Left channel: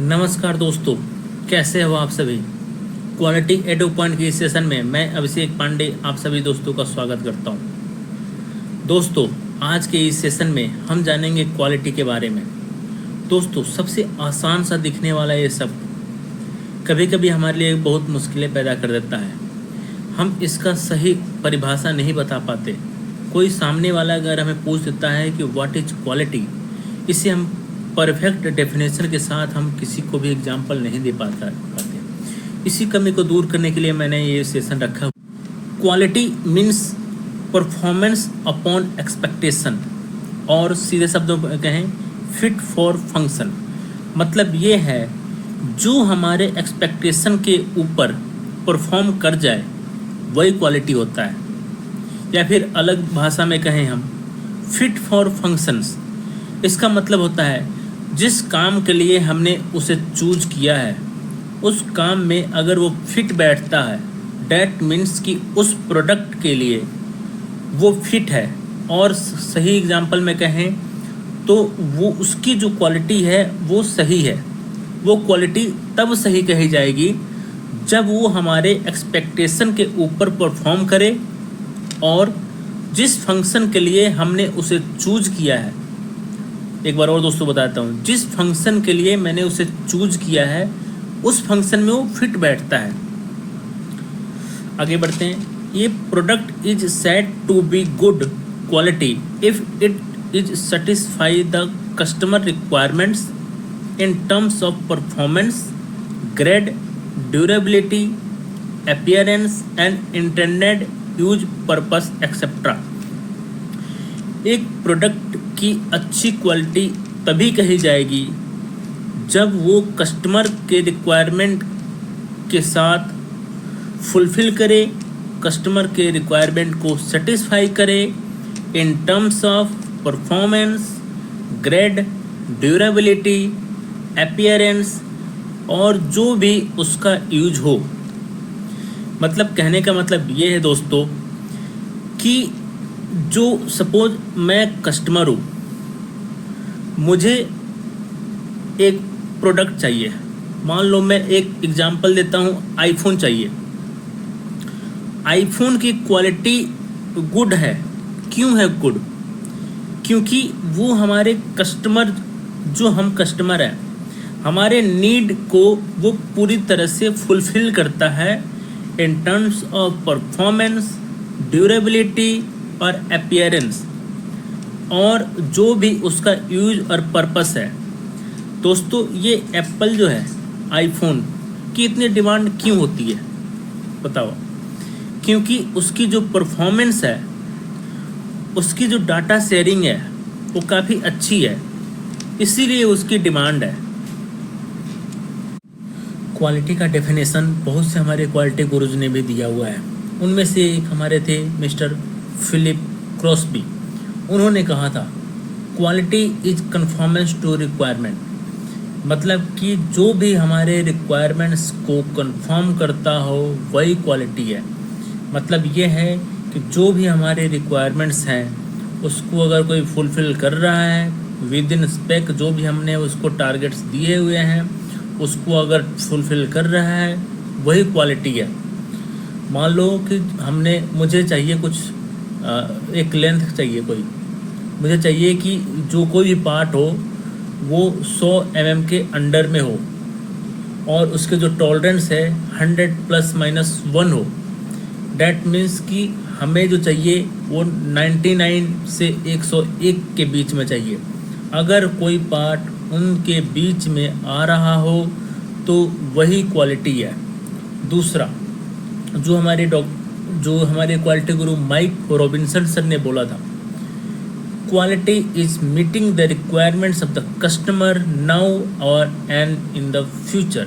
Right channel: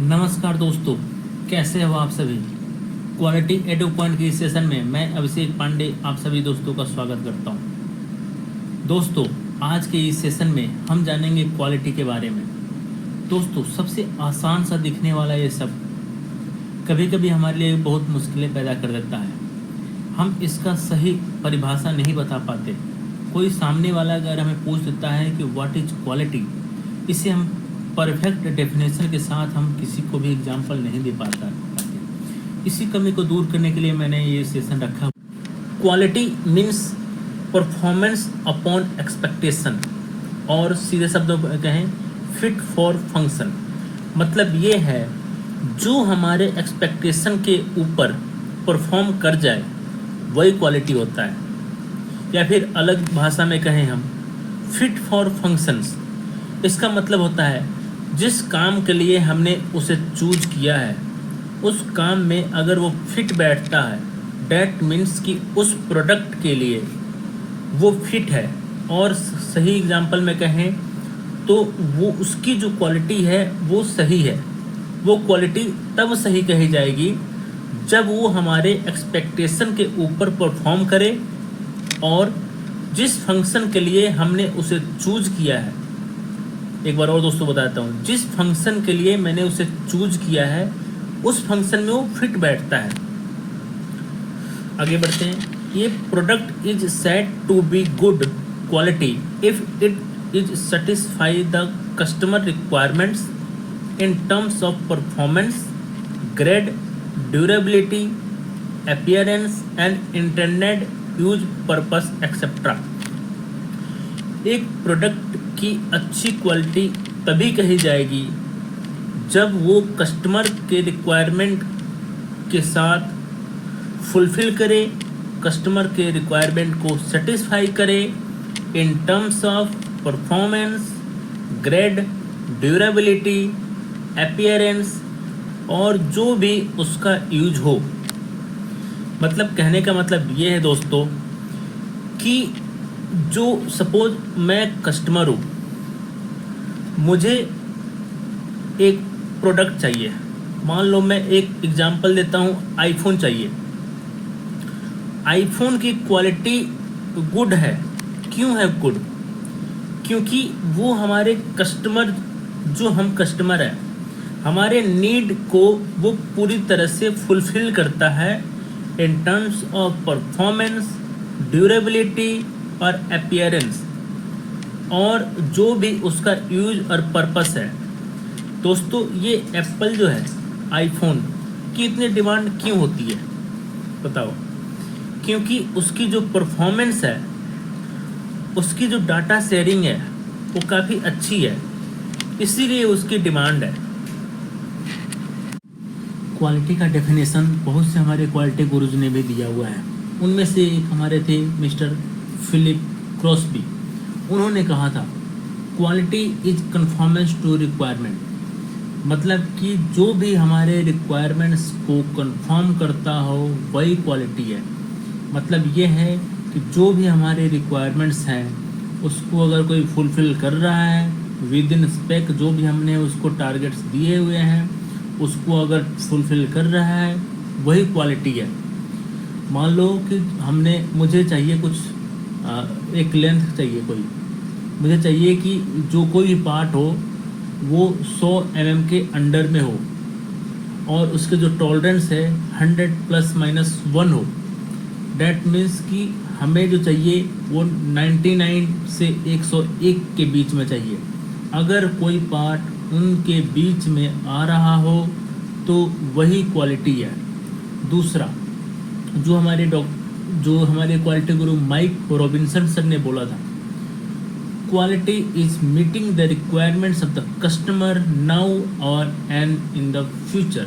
नमस्कार दोस्तों, कैसे हो आप सभी। क्वालिटी एडो पॉइंट की इस सेशन में मैं अभिषेक पांडे आप सभी दोस्तों का स्वागत करता हूं। दोस्तों, आज के इस सेशन में हम जानेंगे क्वालिटी के बारे में। दोस्तों, सबसे आसान सा दिखने वाला ये शब्द कभी कभी हमारे लिए बहुत मुश्किलें पैदा कर देता है। हम इसका सही परिभाषा नहीं बता पाते। कोई सामने वाला अगर हमें पूछ देता है कि व्हाट इज क्वालिटी, इसे हम परफेक्ट डेफिनेशन के साथ हम किसी को भी एग्जाम्पल नहीं दे पाते। इसी कमी को दूर करने के लिए मैंने ये सेशन रखा। Quality means performance upon expectation, और सीधे शब्दों में कहें फिट फॉर फंक्शन। मतलब ये है जो हमारे एक्सपेक्टेशन के ऊपर परफॉर्म कर जाए वही क्वालिटी होता है। या फिर अलग भाषा में कहें हम फिट फॉर फंक्शंस। इसका मतलब होता है जिस काम के लिए हमने उसे चूज किया है उस काम में अगर वो फिट बैठता है, डैट मीन्स कि उस प्रोडक्ट के लिए वो फिट है। और सही एग्जांपल में कहें तो वो उसकी जो क्वालिटी है वो सही है। वो क्वालिटी तब सही कही जाएगी जब वो हमारे एक्सपेक्टेशन के ऊपर परफॉर्म करे और जिस फंक्शन के लिए हमने उसे चूज किया है। एक बार और दोस्तों बताता हूँ, जिस फंक्शन के लिए मैंने उसे चूज किया है उस फंक्शन में वो फिट बैठता है। आगे बढ़ते हैं। ये product is said to be good quality if it is satisfy the customer requirements in terms of performance, grade, durability, appearance and internet use purpose etcetera. एक प्रोडक्ट की अच्छी क्वालिटी तभी कही जाएगी जब वो कस्टमर के रिक्वायरमेंट के साथ फुलफिल करे, कस्टमर के रिक्वायरमेंट को सेटिस्फाई करे इन terms of performance, grade, durability, appearance और जो भी उसका यूज हो। मतलब कहने का मतलब ये है दोस्तों कि जो सपोज मैं कस्टमर हूँ, मुझे एक प्रोडक्ट चाहिए। मान लो मैं एक एग्जांपल देता हूँ, आईफोन चाहिए। आईफोन की क्वालिटी गुड है। क्यों है गुड? क्योंकि वो हमारे कस्टमर, जो हम कस्टमर हैं, हमारे नीड को वो पूरी तरह से फुलफिल करता है इन टर्म्स ऑफ परफॉर्मेंस, ड्यूरेबिलिटी और अपीयरेंस, और जो भी उसका यूज और पर्पस है। दोस्तों, ये एप्पल जो है आईफोन की इतनी डिमांड क्यों होती है बताओ? क्योंकि उसकी जो परफॉर्मेंस है, उसकी जो डाटा शेयरिंग है वो काफ़ी अच्छी है, इसीलिए उसकी डिमांड है। क्वालिटी का डेफिनेशन बहुत से हमारे क्वालिटी गुरुज ने भी दिया हुआ है। उनमें से एक हमारे थे मिस्टर फिलिप क्रॉस्बी। उन्होंने कहा था quality is conformance to requirement. मतलब कि जो भी हमारे रिक्वायरमेंट्स को कन्फर्म करता हो वही क्वालिटी है। मतलब ये है कि जो भी हमारे रिक्वायरमेंट्स हैं उसको अगर कोई फुलफिल कर रहा है विद इन स्पेक, जो भी हमने उसको टारगेट्स दिए हुए हैं उसको अगर फुलफिल कर रहा है वही क्वालिटी है। मान लो कि मुझे चाहिए कुछ एक लेंथ चाहिए, कोई मुझे चाहिए कि जो कोई भी पार्ट हो वो 100 mm के अंडर में हो और उसके जो टॉलरेंस है 100 ± 1 हो। डैट मीन्स कि हमें जो चाहिए वो 99 से 101 के बीच में चाहिए। अगर कोई पार्ट उनके बीच में आ रहा हो तो वही क्वालिटी है। दूसरा, जो हमारे क्वालिटी गुरु माइक रॉबिन्सन सर ने बोला था, quality is meeting the requirements of the customer now और and in the future.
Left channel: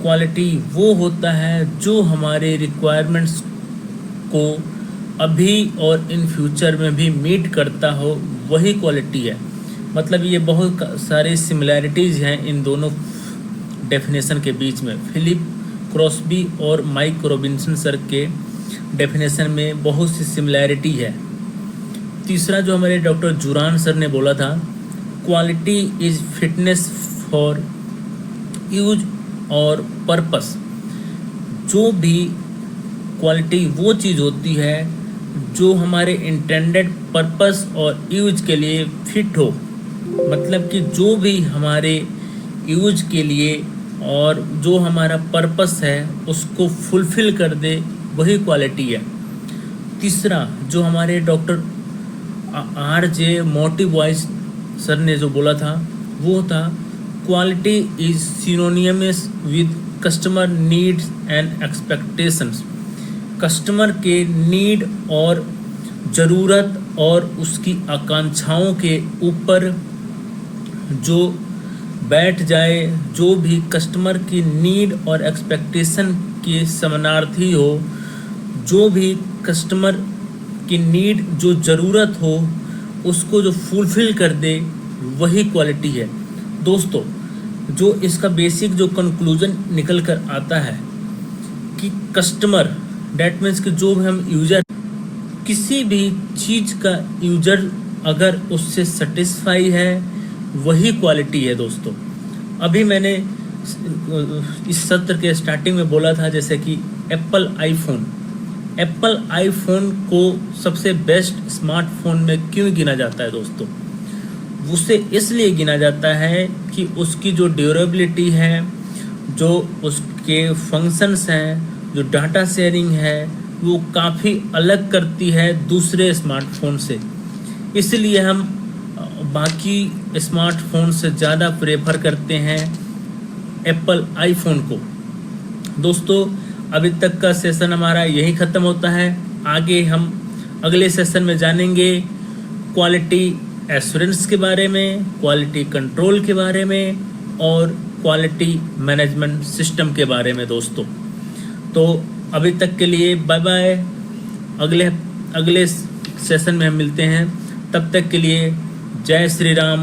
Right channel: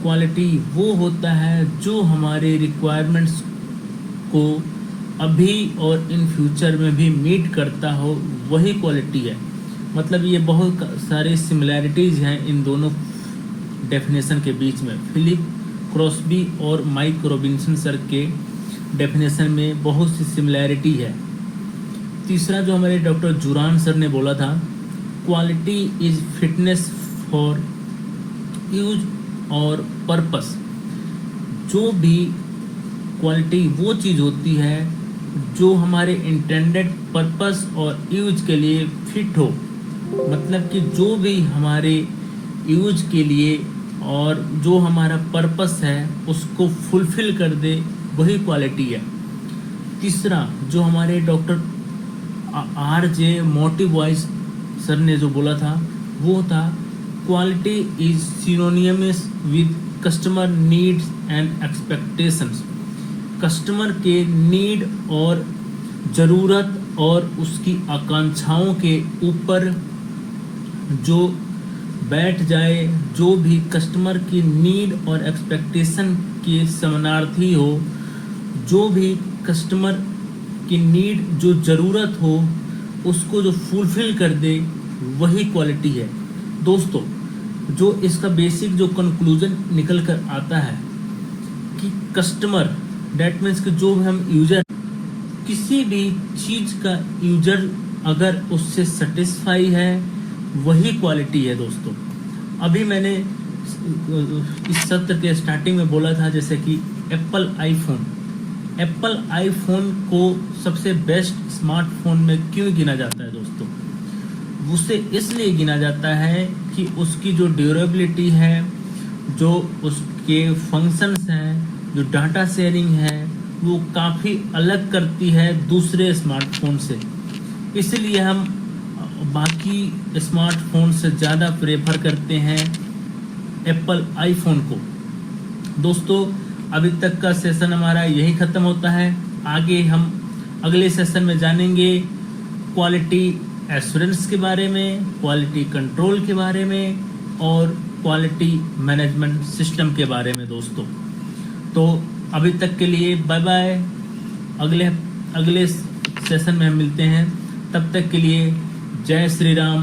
Quality वो होता है जो हमारे रिक्वायरमेंट्स को अभी और इन फ्यूचर में भी मीट करता हो, वही क्वालिटी है। मतलब ये बहुत सारे सिमिलैरिटीज़ हैं इन दोनों डेफिनेशन के बीच में। फिलिप क्रॉस्बी और माइक रॉबिन्सन सर के डेफिनेशन में बहुत सी सिमिलैरिटी है। तीसरा, जो हमारे डॉक्टर जुरान सर ने बोला था, quality is fitness for use और पर्पस। जो भी क्वालिटी वो चीज़ होती है जो हमारे इंटेंडेड पर्पस और यूज के लिए फिट हो, मतलब कि जो भी हमारे यूज के लिए और जो हमारा पर्पस है उसको फुलफिल कर दे, वही क्वालिटी है। तीसरा, जो हमारे डॉक्टर RJ मोटी वॉइस सर ने जो बोला था वो था, quality is synonymous with customer needs and expectations. Customer के नीड और ज़रूरत और उसकी आकांक्षाओं के ऊपर जो बैठ जाए, जो भी कस्टमर की नीड और एक्सपेक्टेशन के समानार्थी हो, जो भी कस्टमर की नीड जो ज़रूरत हो उसको जो फुलफिल कर दे, वही क्वालिटी है दोस्तों। जो इसका बेसिक जो कंक्लूजन निकल कर आता है कि कस्टमर डेट मीन्स कि जो भी हम यूजर, किसी भी चीज़ का यूजर अगर उससे सेटिस्फाई है, वही क्वालिटी है दोस्तों। अभी मैंने इस सत्र के स्टार्टिंग में बोला था जैसे कि एप्पल आईफोन को सबसे बेस्ट स्मार्टफोन में क्यों गिना जाता है दोस्तों? उसे इसलिए गिना जाता है कि उसकी जो ड्यूरेबिलिटी है, जो उसके फंक्शंस हैं, जो डाटा शेयरिंग है, वो काफ़ी अलग करती है दूसरे स्मार्टफोन से। इसलिए हम बाकी स्मार्टफोन से ज़्यादा प्रेफर करते हैं एप्पल आईफोन को। दोस्तों, अभी तक का सेशन हमारा यही ख़त्म होता है। आगे हम अगले सेशन में जानेंगे क्वालिटी एश्योरेंस के बारे में, क्वालिटी कंट्रोल के बारे में और क्वालिटी मैनेजमेंट सिस्टम के बारे में दोस्तों। तो अभी तक के लिए बाय बाय। अगले सेशन में हम मिलते हैं। तब तक के लिए जय श्री राम,